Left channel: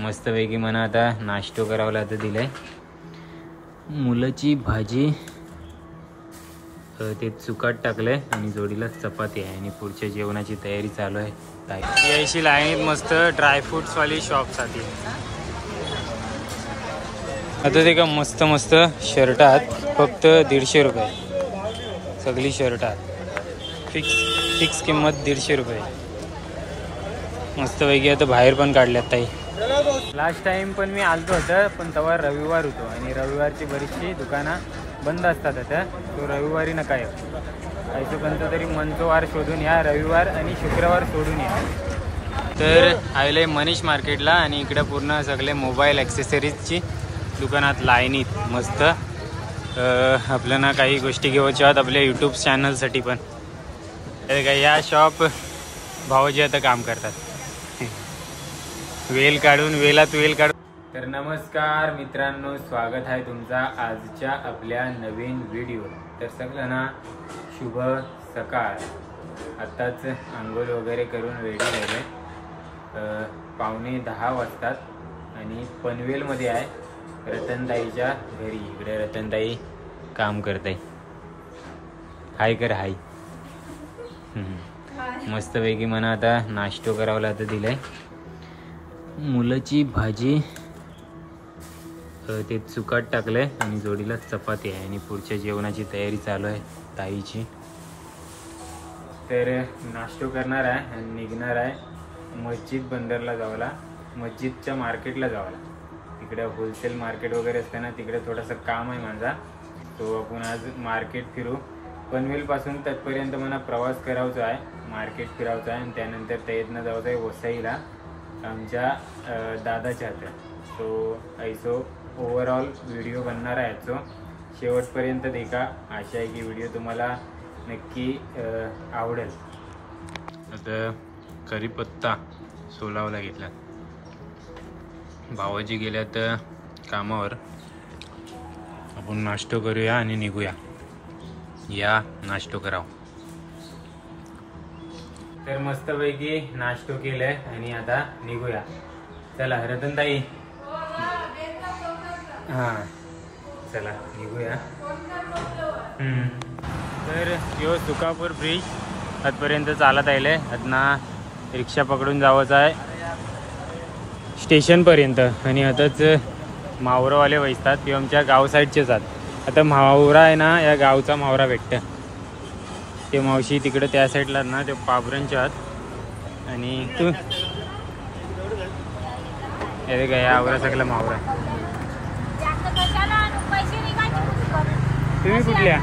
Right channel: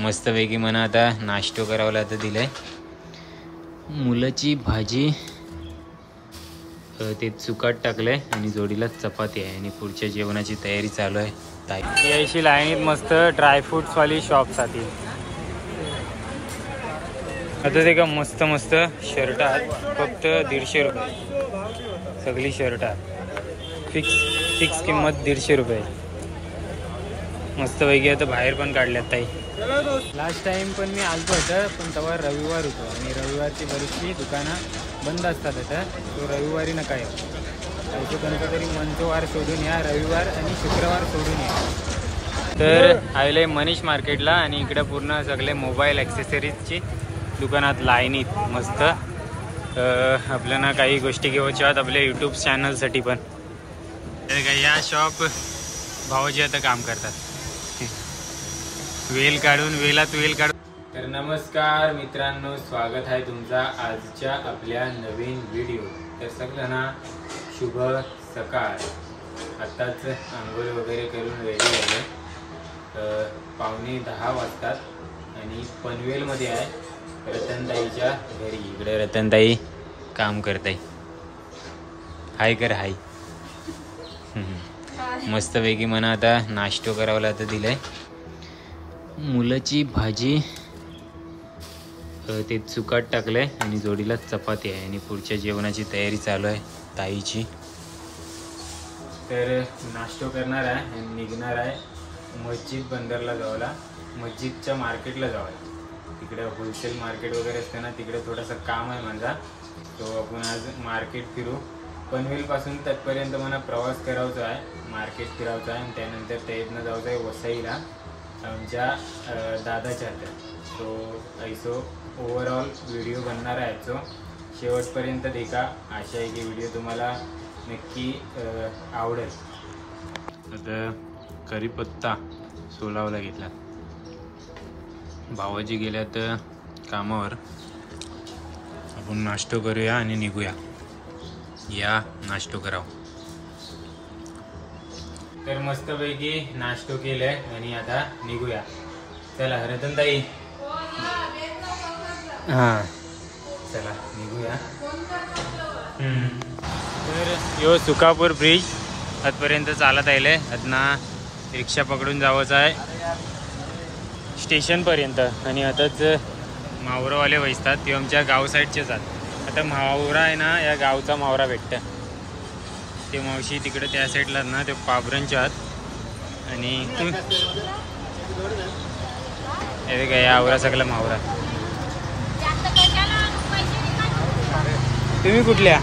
मस्तपैकी म्हणा आता नाश्तो करावला आता दिलाय मुलाची भाजी ते चुकाट टाकलंय आणि जोडीला चपाती आहे आणि पुढच्या जेवणाची तयारी चालू आहे. ताई यायची लाईनीत मस्त ड्रायफ्रुट्स वाली शॉप साठी आता ते का मस्त मस्त शर्ट आहेत फक्त 150 रुपये सगळी शर्ट आहेत फिक्स किंमत 150 रुपये. मस्तपैकी आता बाहेर पण काढल्यात ताई. लास्ट टाइम पण मी आलतो होतं पण तेव्हा रविवार होतो आणि रविवारची बरीचशी दुकानं बंद असतात आता. तो रविवारी नका येऊ यायचं कोणतं तरी मंचवार शोधून या रविवार आणि शुक्रवार सोडून या. तर आले मनीष मार्केटला आणि इकडे पूर्ण सगळे मोबाईल ॲक्सेसरीजची दुकानात लाईनीत मस्त आपल्याला काही गोष्टी घेऊच्या आहेत आपल्या यूट्यूब चॅनलसाठी पण. तर काय या शॉप भाऊजी आता काम करतात वेल काढून वेलात वेल काढून. तर नमस्कार मित्रांनो, स्वागत आहे तुमचा आजच्या आपल्या नवीन व्हिडिओ. तर सगळ्यांना शुभ सकाळ. आत्ताच आंघोळ वगैरे करून रेडी झाले. 9:15 वाजतात आणि पनवेलमध्ये आहे रतनताईच्या घरी. इकडे रतनताई काम करताय. हाय कर हाय. मस्तपैकी म्हणा आता नाश्तो करावला आता दिलाय मुलाची भाजी ते चुकाट टाकलंय आणि जोडीला चपाती आहे आणि पुढच्या जेवणाची तयारी चालू आहे ताईची. तर नाश्तो करणार आहे आणि निघणार आहे मस्जिद बंदरला जावला, मस्जिदच्या मार्केटला जावला. तिकडे होलसेल मार्केट वगैरे असते ना, तिकडे थोडासा काम आहे माझा. तो आपण आज मार्केट फिरू. पनवेलपासून तिथपर्यंत मला प्रवास करायचा आहे, मार्केट फिरायचं आहे आणि त्यानंतर त्यातनं जायचं आहे वसईला आमच्या दादाच्या हातात. तो ऐसो ओव्हरऑल व्हिडिओ बनणार आहे याचो. शेवटपर्यंत देखा. आशा आहे की व्हिडिओ तुम्हाला नक्की आवडेल. आता कढीपत्ता सोलावला घेतला. भावाजी गेल्यात कामावर. आपण नाश्तो करूया आणि निघूया. या नाश्तो कराव. तर मस्तपैकी नाश्तो केलाय आणि आता निघूया. चला रतनताई. हां चला निघूया. तर यो सुकापूर ब्रिज आजपर्यंत चालत आहे. आतना रिक्षा पकडून जावंच आहे स्टेशनपर्यंत आणि आताच मावरावाले वैसतात. ते आमच्या गाव साईडचेच आहेत. आता मावरा आहे ना, या गावचा मावरा भेटतं. ते मावशी तिकडे त्या साईडला ना, ते पाबरांच्या आत. आणि तू अरे काय आवरा सगळा मावरा. तुम्ही कुठल्या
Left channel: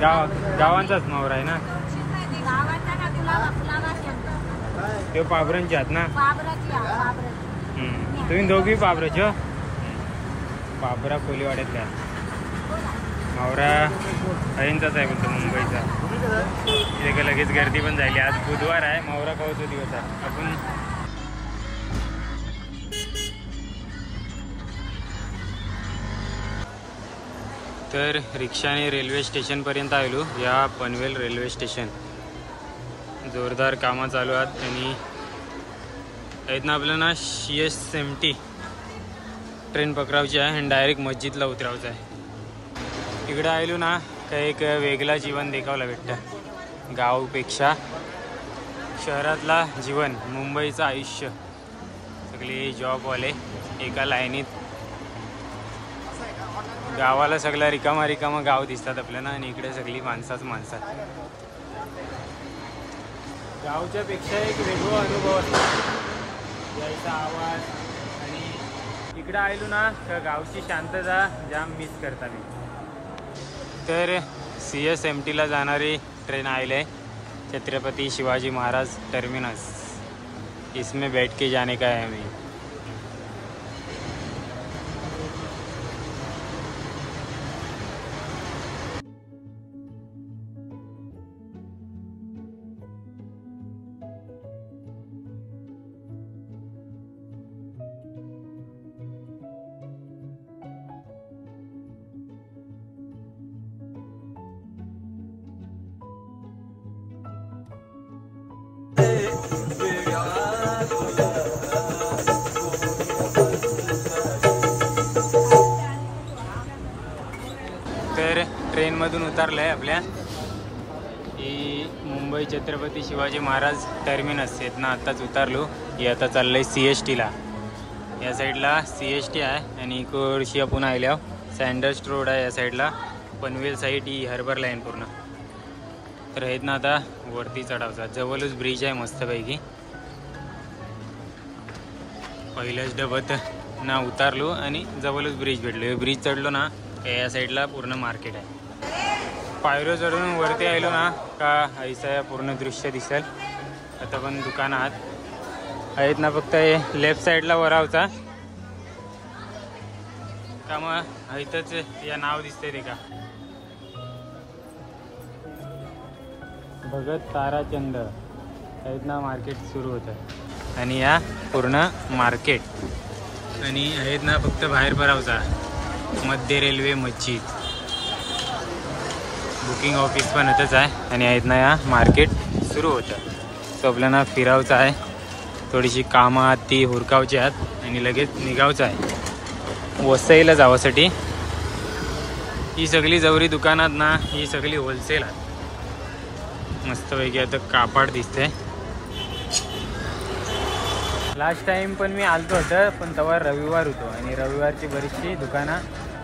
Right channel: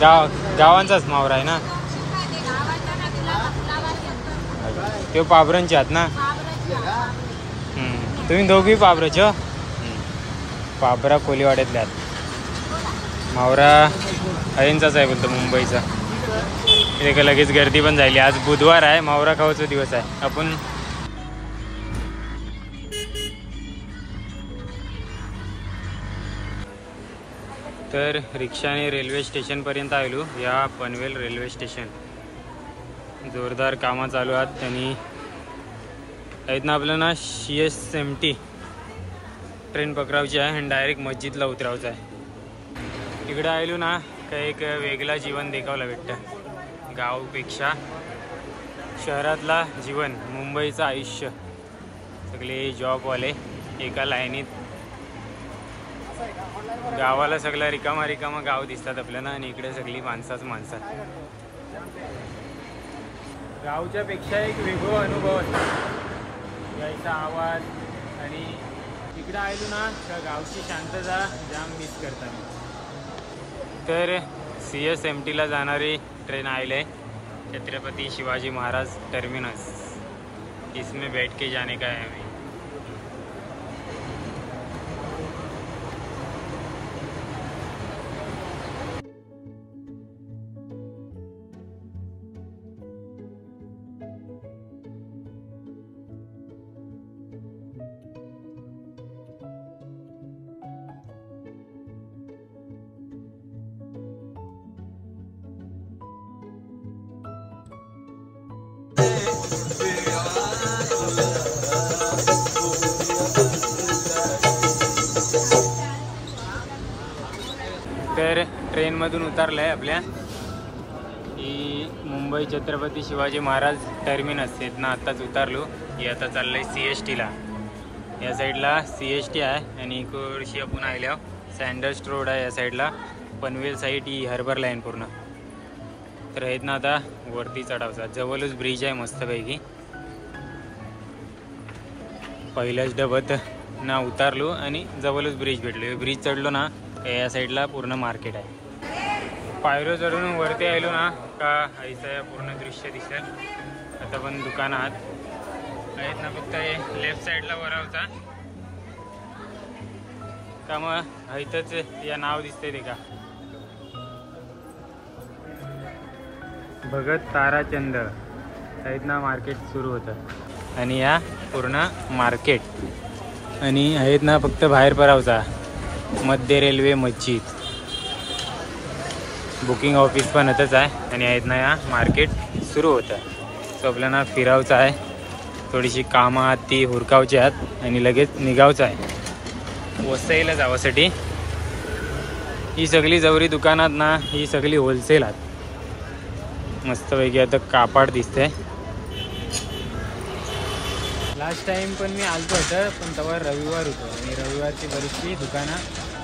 गावांचाच मावरा आहे ना? ते पाबरांचे आहात ना? तुम्ही दोघी पाबराचे हो? पाबरा कोलीवाड्यातल्या आहात. मावरा अहिंचाच आहे बोलतो मुंबईचा. इथे लगेच गर्दी पण झाली. आज बुधवार आहे, मावरा खावाचा दिवस आहे. आपण तर रिक्षाने रेल्वे स्टेशनपर्यंत आलो. या पनवेल रेल्वे स्टेशन जोरदार कामं चालू आहेत आणि इथनं आपल्याला CSMT ट्रेन पकडायची आहे आणि डायरेक्ट मस्जिदला उतरायचं आहे. इकडे आलो ना काही एक वेगळा जीवन देखावला भेटतं. गावपेक्षा शहरातला जीवन, मुंबईचं आयुष्य. सगळे जॉबवाले एका लाईनीत. गावाला सगळा रिकामा रिकामा गाव दिसतात आपल्याला आणि इकडे सगळी माणसाच माणसात. गावच्या पेक्षा एक वेगळा अनुभव असतो. याचा आवाज आणि इकडे आलो ना तर गावची शांतता जाम मिस करता मी. तर CSMTला जाणारी ट्रेन आले छत्रपति शिवाजी महाराज टर्मिनस. इसमें बैठ के जाने का है हमें. ट्रेनमधून उतरलं आहे आपल्या ही मुंबई छत्रपती शिवाजी महाराज टर्मिनस आहेत ना, आत्ताच उतरलो. ही आता चाललं आहे CSTला. या साईडला CST आहे आणि इकडशी आपण आल्यावर सँडर्स रोड आहे. या साईडला पनवेल साईड ही हार्बर लाईन पूर्ण. तर आहेत ना आता वरती चढावचा. जवळच ब्रिज आहे मस्तपैकी. पहिल्याच डबत ना उतारलो आणि जवळच ब्रिज भेटलो. ब्रिज चढलो ना या साईडला पूर्ण मार्केट आहे. पायरो चढून वरती आलो ना का ऐसा पूर्ण दृश्य दिसेल. आता पण दुकानात आहेत ना, फक्त हे लेफ्ट साईडला वरावचा का मग इथंच या नाव दिसतंय ते का भगत ताराचंद आहेत ना, मार्केट सुरू होतं. आणि या पूर्ण मार्केट आणि आहेत ना फक्त बाहेर परावचा मध्य रेल्वे मस्जिद बुकिंग ऑफिस पण इथंच आहे. आणि आहेत ना या मार्केट सुरू होतं. सो आपल्याला फिरावचं आहे, थोडीशी कामं आहात ती हुरकावची आहेत आणि लगेच निघावचं आहे वसईला जावासाठी. ही सगळी जवरी दुकानात ना ही सगळी होलसेल आहेत मस्तपैकी. आता कापड दिसतंय. लास्ट टाइम पण मी आलतो होतं पण तेव्हा रविवार होतो आणि रविवारची बरीचशी दुकानं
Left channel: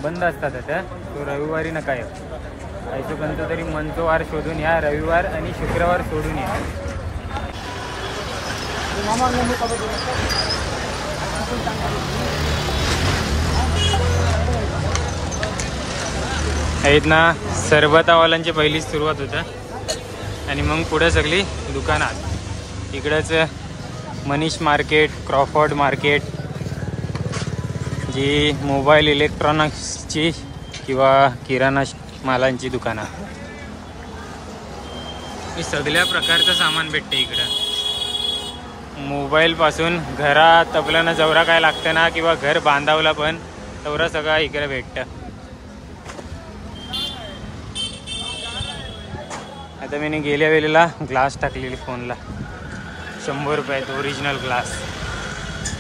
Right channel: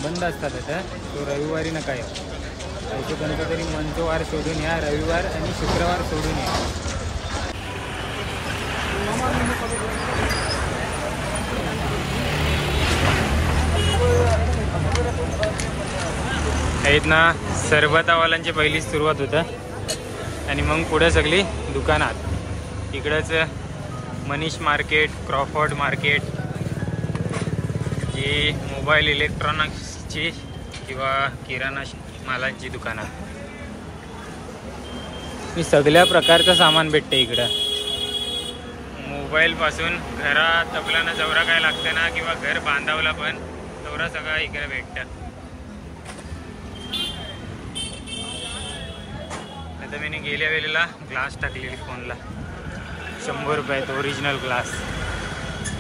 बंद असतात आता. तो रविवारी नका येऊ. ऐकू कोणतं तरी मनचो वार शोधून या, रविवार आणि शुक्रवार सोडून या. आहेत ना सरबतावाल्यांची पहिलीच सुरुवात होतं आणि मग पुढे सगळी दुकानात. इकडंच मनीष मार्केट, क्रॉफर्ड मार्केट, जी मोबाईल इलेक्ट्रॉनिक्सची किंवा किराणा मालांची दुकानं. ही सगळ्या प्रकारचं सामान भेटते इकडं. मोबाईलपासून घरात आपल्याला जेवढा काय लागतं ना किंवा घर बांधावला पण तेवढा सगळं इकडे भेटतं. आता मी गेल्या वेळेला ग्लास टाकलेली फोनला 100 रुपयात ओरिजिनल ग्लास.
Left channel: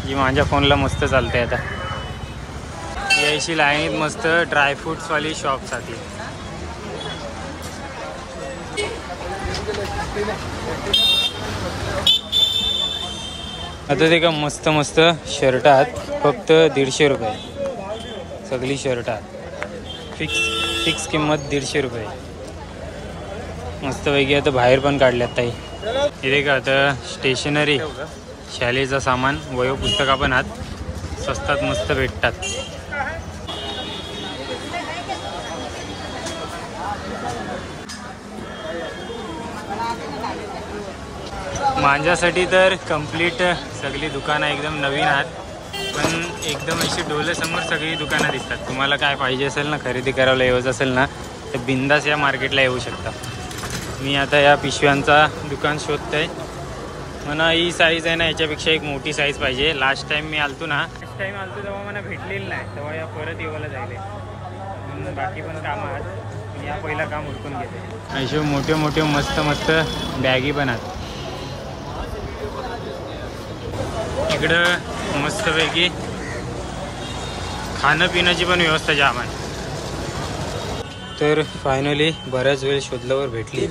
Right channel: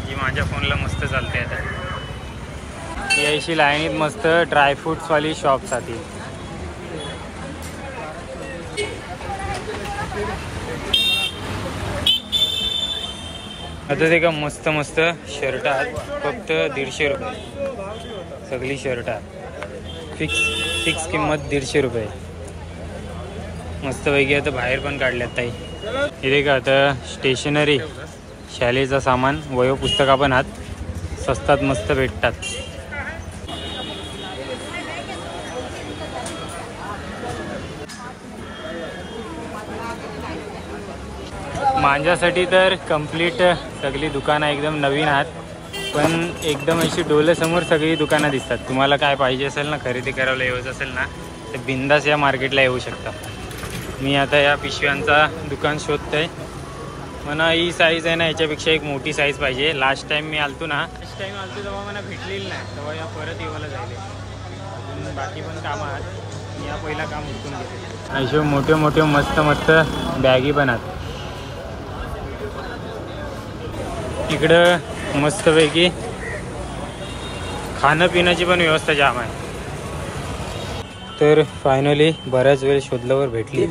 जी माझ्या फोनला मस्त चालते. आता यायची लाईनीत मस्त ड्रायफ्रुट्सवाली शॉपसाठी. आता ते का मस्त मस्त शर्ट आहेत फक्त 150 रुपये. सगळी शर्ट आहेत फिक्स किंमत 150 रुपये. मस्तपैकी आता बाहेर पण काढल्यात ताई. इथे का आता स्टेशनरी शालेचं सामान वयो पुस्तका पण आहेत स्वस्तात मस्त भेटतात. माझ्यासाठी तर कंप्लीट सगळी दुकानं एकदम नवीन आहेत, पण एकदम अशी डोळ्यासमोर सगळी दुकानं दिसतात. तुम्हाला काय पाहिजे असेल ना, खरेदी करायला यायचं असेल ना, तर बिंदास या मार्केटला येऊ शकता. मी आता या पिशव्यांचा दुकान शोधतोय. मला ही साईज आहे ना, याच्यापेक्षा एक मोठी साईज पाहिजे. लास्ट टाइम तेव्हा मला भेटलेली नाही, तेव्हा या परत येवायला जायले. अजून बाकी पण कामं आहेत, या पहिला काम उरकून घेते. असे मोठे मोठे मस्त मस्त बॅगी पण आहेत. इकडं मस्तपैकी खाणं पिण्याची पण व्यवस्था जाम आहे. तर फायनली बऱ्याच वेळ शोधल्यावर भेटली.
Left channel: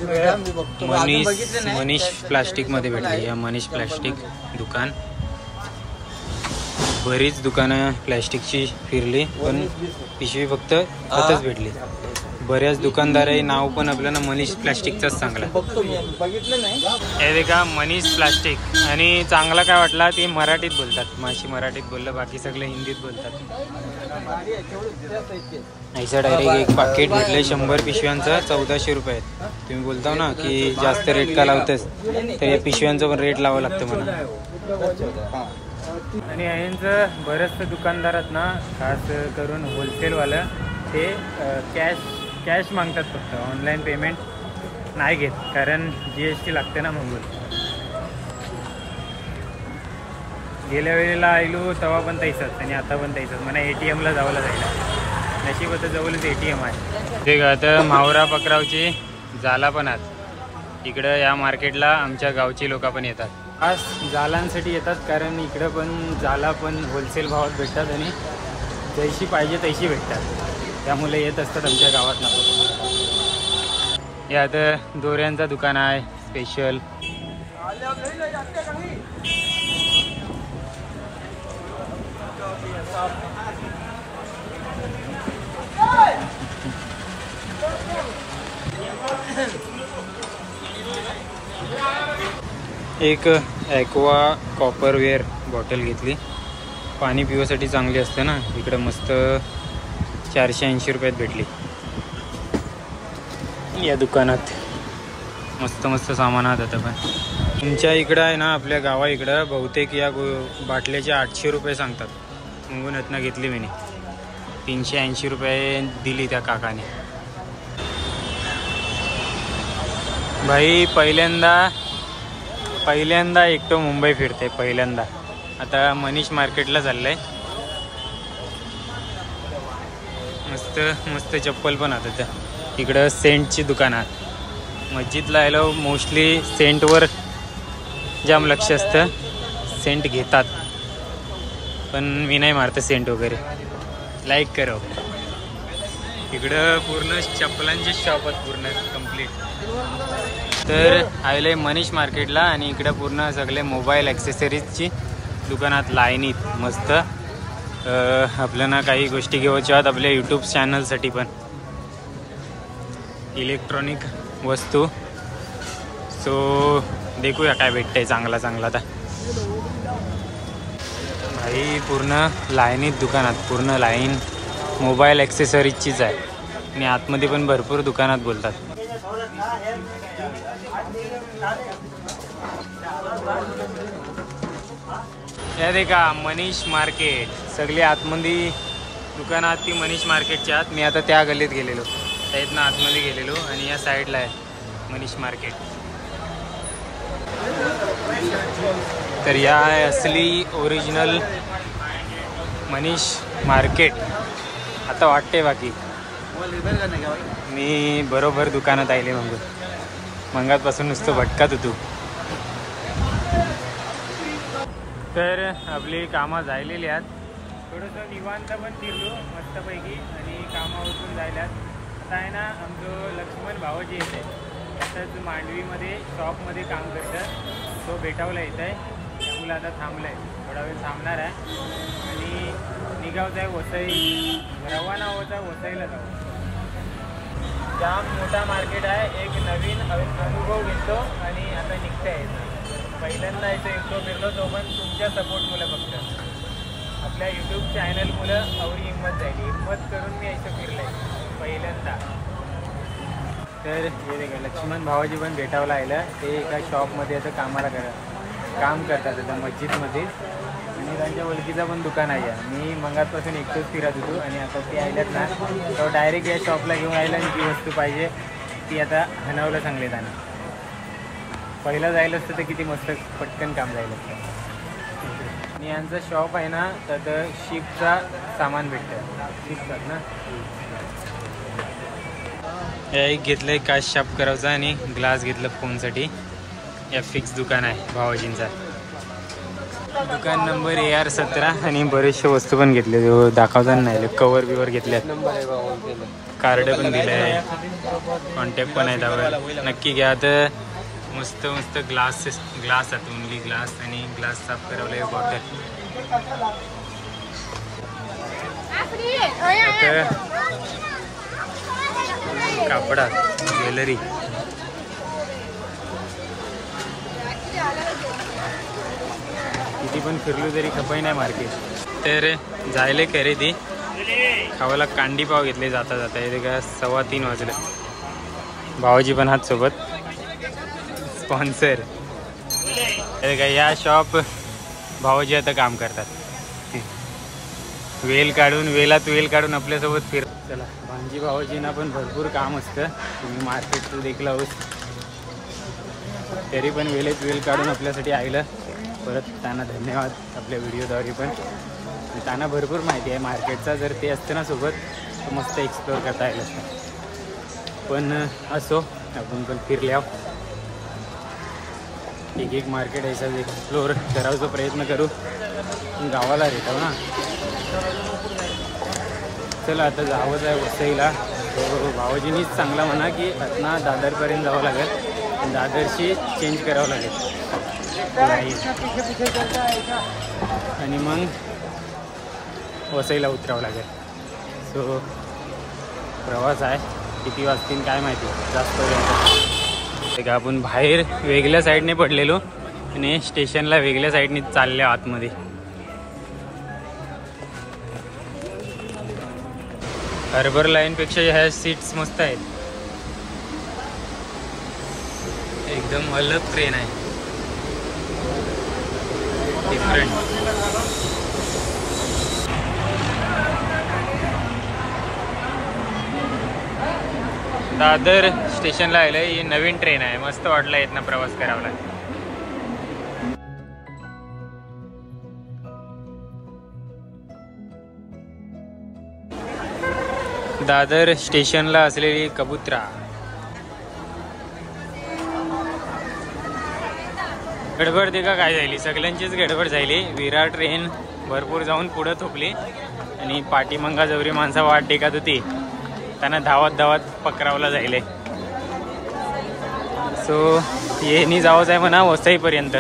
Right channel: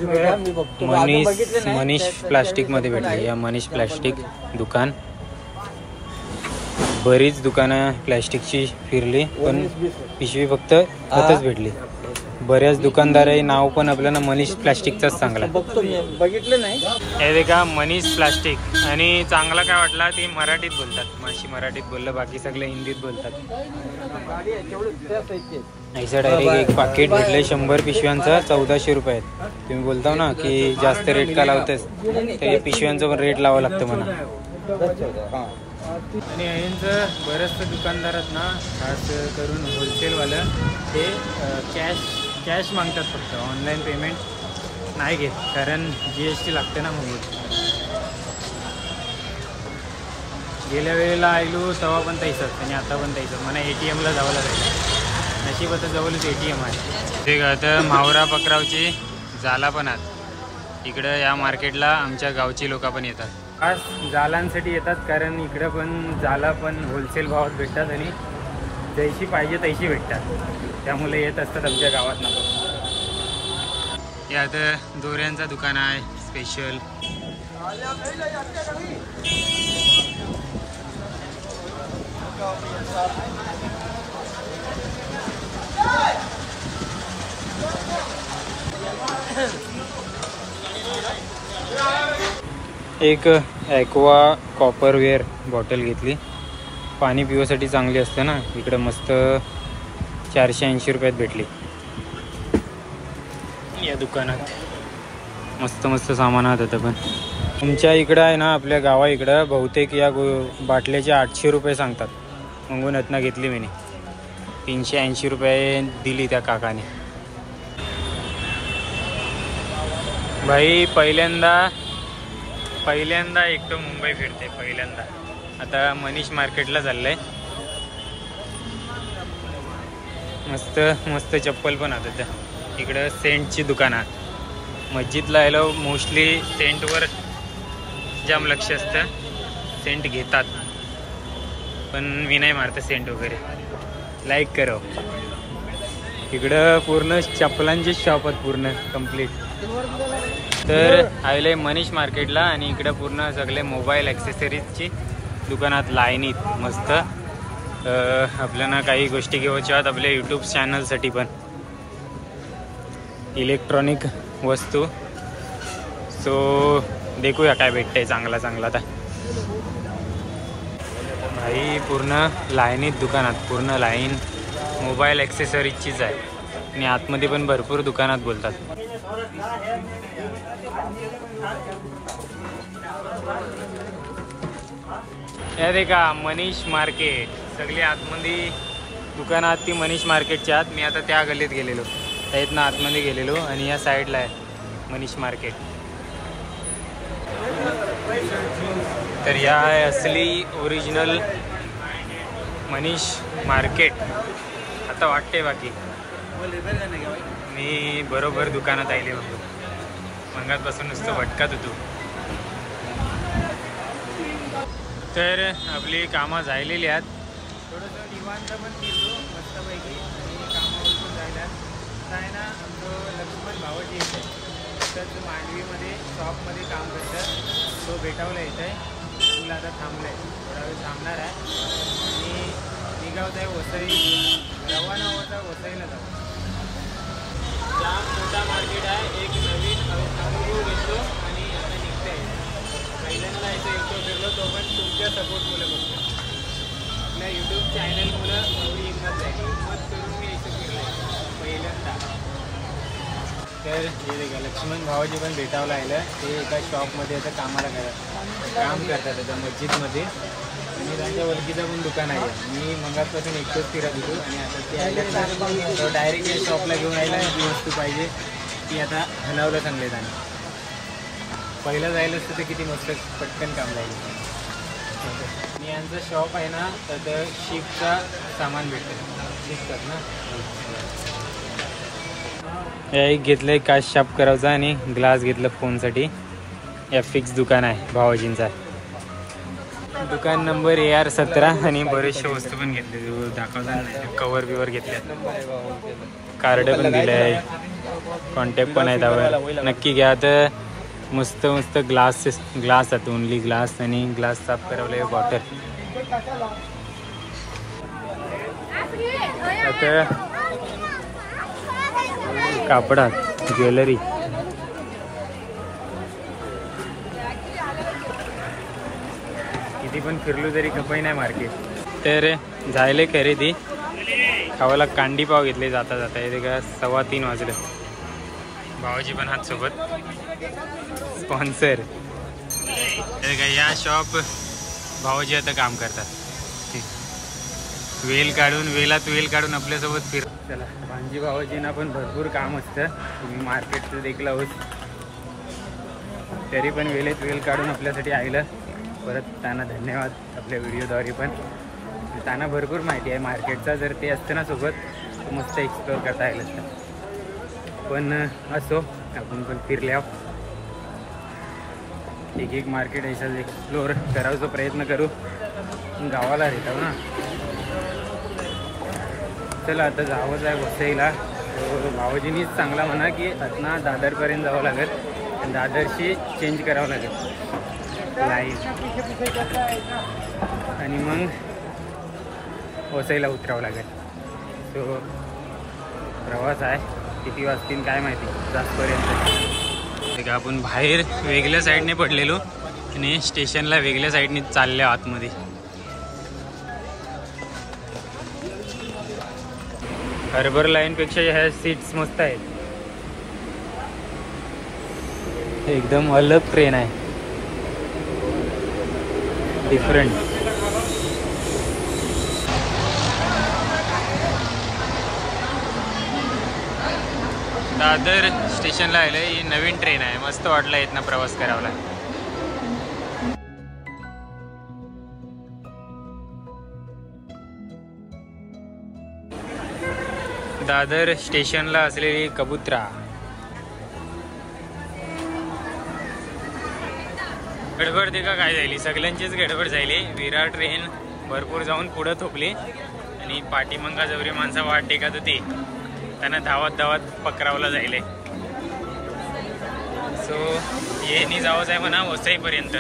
मनीष प्लास्टिकमध्ये भेटली. या मनीष प्लास्टिक दुकान. बरीच दुकानं प्लॅस्टिकची फिरली पण पिशवी फक्त आताच भेटली. बऱ्याच दुकानदाराही नाव पण आपल्याला मनीष प्लॅस्टिकचाच चांगला बघितलं नाही. हे देखा मनीष प्लास्टिक. आणि चांगला काय वाटला ते मराठीत बोलतात. माशी मराठीत बोललं, बाकी सगळे हिंदीत बोलतात. ऐसा डायरेक्ट एक पाकिट भेटलंय 100 पिशव्यांचा 1400 रुपये. तुम्ही बोलता ना की जास्त रेट का लावतेस, तर या पिशव्यांचं पण रेट लावावं लागतं म्हणा. आणि यांचं बरंचसं दुकानदारात ना, खास करून होलसेलवालं ते कॅश मागतात. फक्त ऑनलाईन पेमेंट नाही घेत, कारण GST लागते ना. मग गेल्या वेळेला आलो तेव्हा पण तैसंच आणि आता पण तैसंच. मला ATMला जावं जायला. नशीब आता जवळच ATM आहे. ते आता मावरा पकरावची जाला पण आहेत. इकडं या मार्केटला आमच्या गावची लोक पण येतात. खास जालांसाठी येतात, कारण इकडं पण जाला पण होलसेल भावात भेटतात आणि जैशी पाहिजे तैशी भेटतात. त्यामुळे येत असतात आमच्या गावातनं पण. यात दोऱ्यांचा दुकान आहे स्पेशल. एक ॲक्वा कॉपरवेअर बॉटल घेतली. पाणी पिण्यासाठी चांगली असते ना. इकडं मस्त 480 रुपयात भेटली. या दुकानात मस्त मस्त सामान होतं. पण तुमच्या इकडं आहे ना, आपल्या गावा इकडं बहुतेक या बाटल्याचे 800 रुपये सांगतात. म्हणून रत्ना घेतली मी. 380 रुपये दिली त्या काकाने. भाई पहिल्यांदा एकटो मुंबई फिरते पहिल्यांदा. आता मनीष मार्केटला चाललंय. मस्त मस्त चप्पल पण आता त्या इकडं सेंटची दुकानात. मस्जिदला आलो मोस्टली सेंटवर जाम लक्ष असतं. सेंट घेतात पण मी नाही मारतं सेंट वगैरे. लाईक करो. इकडं पूर्ण चप्पलांचे शॉप आहेत पूर्ण कंप्लीट. तर आले मनीष मार्केटला आणि इकडं पूर्ण सगळे मोबाईल ॲक्सेसरीजची दुकानात लाईनीत मस्त. आपल्याला काही गोष्टी घेऊच्या आहेत आपल्या यूट्यूब चॅनलसाठी पण. इलेक्ट्रॉनिक वस्तू. सो देखूया काय भेटतंय चांगला चांगला. आता भाई पूर्ण लाईनीत दुकानात पूर्ण लाईन मोबाईल ॲक्सेसरीजचीच आहे. आणि आतमध्ये पण भरपूर दुकानात बोलतात. हे देखा मनीष मार्केट. सगळी आतमध्ये दुकानात ती मनीष मार्केटच्या आत. मी आता त्या गल्लीत गेलेलो. त्यातनं आतमध्ये गेलेलो आणि या साईडला आहे मनीष मार्केट. तर या आहे असली ओरिजिनल मनीष मार्केट. आता वाटते बाकी मी बरोबर दुकानात आले. मंगातपासून नुसतं भटकात होतो. तर आपली कामं झालेली आहेत. थोडंसं निवांत पण फिरलो मस्तपैकी आणि कामावरून जायल्यात. आता आहे ना आमचं लक्ष्मण भावाजी येत आहे. तसंच मांडवीमध्ये शॉपमध्ये काम करतात. तो भेटावला येत आहे. त्यामुळे आता थांबलं आहे. थोडा वेळ थांबणार आहे आणि निघावत आहे वसई. रवाना होता वसईला जाऊ. जाम मोठा मार्केट आहे. एक नवीन अनुभव घेतो आणि आता निघता येतं. पहिल्यांदा इथं एकटो फिरलो तो पण तुमच्या सपोर्टमुळे. फक्त आपल्या यूट्यूब चॅनलमुळं एवढी हिंमत झाली. हिंमत करून मी इथं फिरलं आहे पहिल्यांदा. तर हे देखा लक्ष्मण भावाजी पण भेटावला आलं. ते एका शॉपमध्ये आता कामाला काम करतात आता मस्जिदमध्ये. आणि त्यांच्या ओळखीचं पण दुकान आहे. मी मंगातपासून एकटोच फिरत होतो आणि आता ते आल्यात ना तो डायरेक्ट या शॉपला घेऊन आलं. आणि जी वस्तू पाहिजे ती आता हनवलं सांगले त्यांना. पहिला जायला असतं तर किती मस्त पटकन काम जायला असतं. आणि यांचं शॉप आहे ना तर शिपचा सामान भेटतं. शिपतात ना. एक घेतलं काच शाप करायचा आणि ग्लास घेतलं फोनसाठी. या फिक्स दुकान आहे भावाजींचा. दुकान नंबर AR 17. आणि बरेचसे वस्तू पण घेतले दाखवताना नाही. कवर बिवर घेतले. कार्ड पण दिलं आहे. कॉन्टॅक्ट पण आहे त्यावर. नक्की घ्या. तर मस्त मस्त ग्लास आहेत. Only glass. आणि ग्लास साफ करावलं बॉटल. आता कापड ज्वेलरी. किती पण फिरलो तरी खपाई नाही मार्केट. तर जायले खरेदी. खावाला कांडी पाव घेतले जाता जाता. हे का 3:15 वाजले. भावाजी पण हात सोबत स्पॉन्सर. हे का या शॉप भावाजी आता काम करतात. वेळात वेल काढून आपल्यासोबत फिर. चला भांजी भावाजींना पण भरपूर काम असतं. तुम्ही मार्केटचं देखला आहोत तरी पण वेल काढून आपल्यासाठी आलं. परत त्यांना धन्यवाद आपल्या व्हिडिओद्वारे. पण त्यांना भरपूर माहिती आहे मार्केटचा. जर ते असतं ना सोबत तर मस्त एक्सप्लोअर करता येईल असतं. पण असो आपण पण फिरले आहोत. एक मार्केट याचा एक्सप्लोअर करायचा प्रयत्न करू. गावाला येतो ना. चला आता जावंच आहे वसईला. तो भाऊजीनीच चांगला म्हणा की आता दादरपर्यंत जावं लागेल, दादरशी चेंज करावं लागेल लाईन आणि मग वसईला उतरावं लागेल. सो प्रवास आहे, किती वाजतील काय माहिती जास्तपर्यंत. ते का आपण बाहेर वेगळ्या साईडने पडलेलो आणि स्टेशनला वेगळ्या साईडने चालले आतमध्ये. हार्बर लाईनपेक्षा ह्या सीट्स मस्त आहेत, एकदम अलग ट्रेन आहे, डिफरंट. दादर स्टेशनला आलंय, ही नवीन ट्रेन आहे, मस्त वाटलं इथनं प्रवास करावा. दादर स्टेशनला असलेली कबुतरा. गडबड ते का काय झाली, सगळ्यांचीच गडबड झाली. विराट ट्रेन भरपूर जाऊन पुढे थोपली आणि पाठीमंगा जवरी माणसं वाट टेकत होती, त्यांना धावत धावत पकरावला जायले. सो येणी जावंच आहे म्हणा वसईपर्यंत.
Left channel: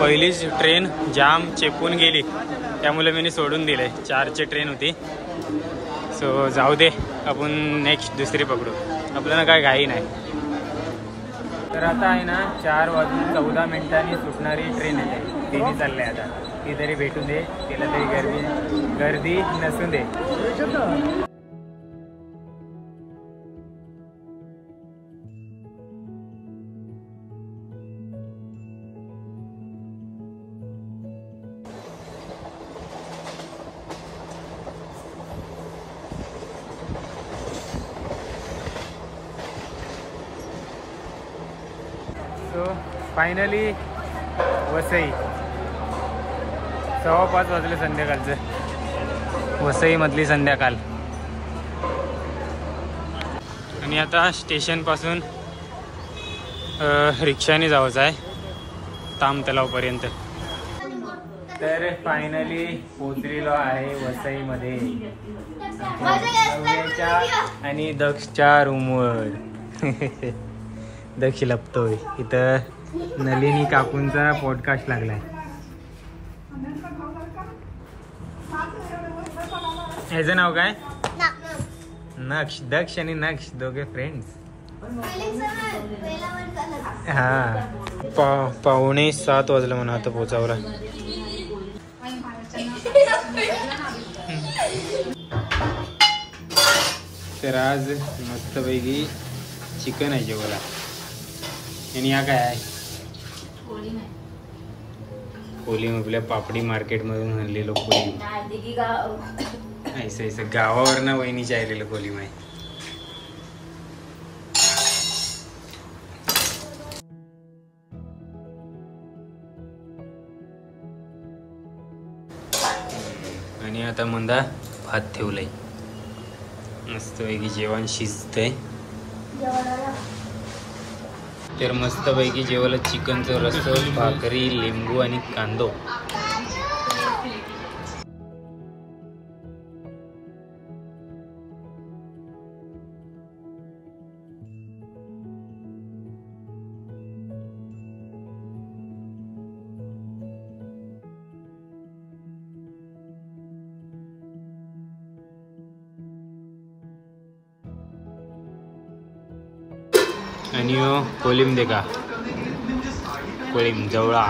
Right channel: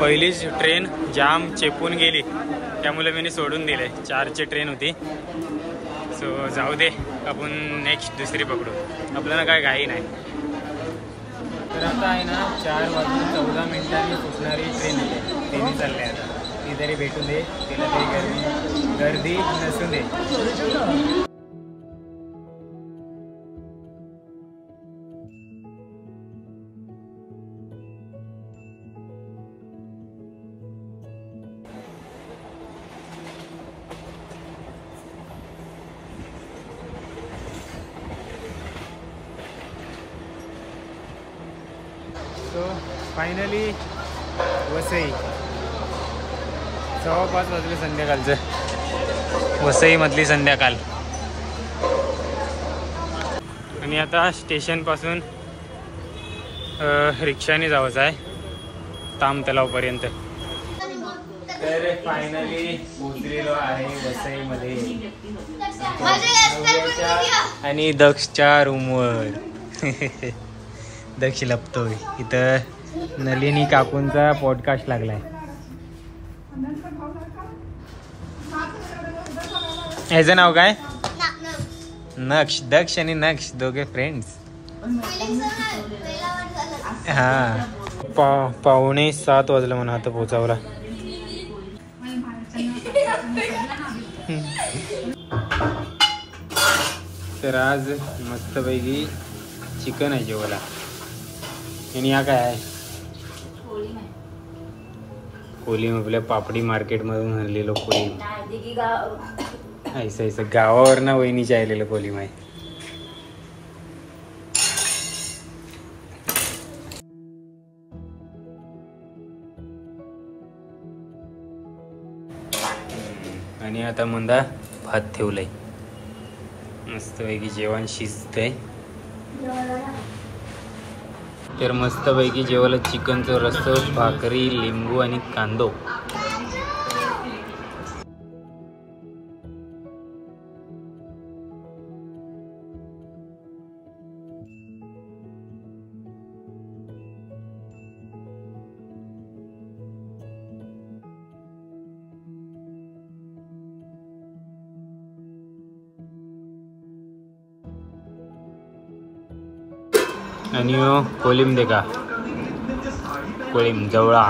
पहिलीच ट्रेन जाम चेपून गेली, त्यामुळे मी सोडून दिले. 4ची ट्रेन होती. सो जाऊ दे, आपण नेक्स्ट दुसरी पकडू, आपल्याला काय घाई नाही. तर आता आहे ना 4:14 सुटणारी ट्रेन येते, तिने चालले आता. ती तरी भेटून दे, तिला तरी गर्दी नसून दे. सो फायनली वसई, 5:15 वाजले संध्याकाळचं, वसईमधली संध्याकाळ. आणि आता स्टेशनपासून रिक्षाने जायचं आहे ताम तलावपर्यंत. तर फायनली पोचलेलो आहे वसईमध्ये, नव्याच्या आणि दक्षच्या रूमवर. दक्ष लपतोय इथं. नलिनी काकूंचा पॉडकास्ट लागलाय. ह्याचं नाव काय? नक्ष. दक्ष आणि नक्ष दोघे फ्रेंड्स. हा 6:45 वाजलं म्हणा आता पोचावला. तर आज मस्तपैकी चिकन आहे जेवायला. आणि हा काय आहे? कोलिम. आपल्या पापडी मार्केट मधून आणलेलो कोलिम. ऐसा गावावरनं वहिनीच्या आलेलं कोलिम आहे. आणि आता मंदा भात ठेवलाय, मस्तपैकी जेवण शिजतंय. तर मस्तपैकी जेवायला चिकनचं रस्सा, भाकरी, लिंबू आणि कांदो. आणि कोलिम दे का, कोलिम जवळा.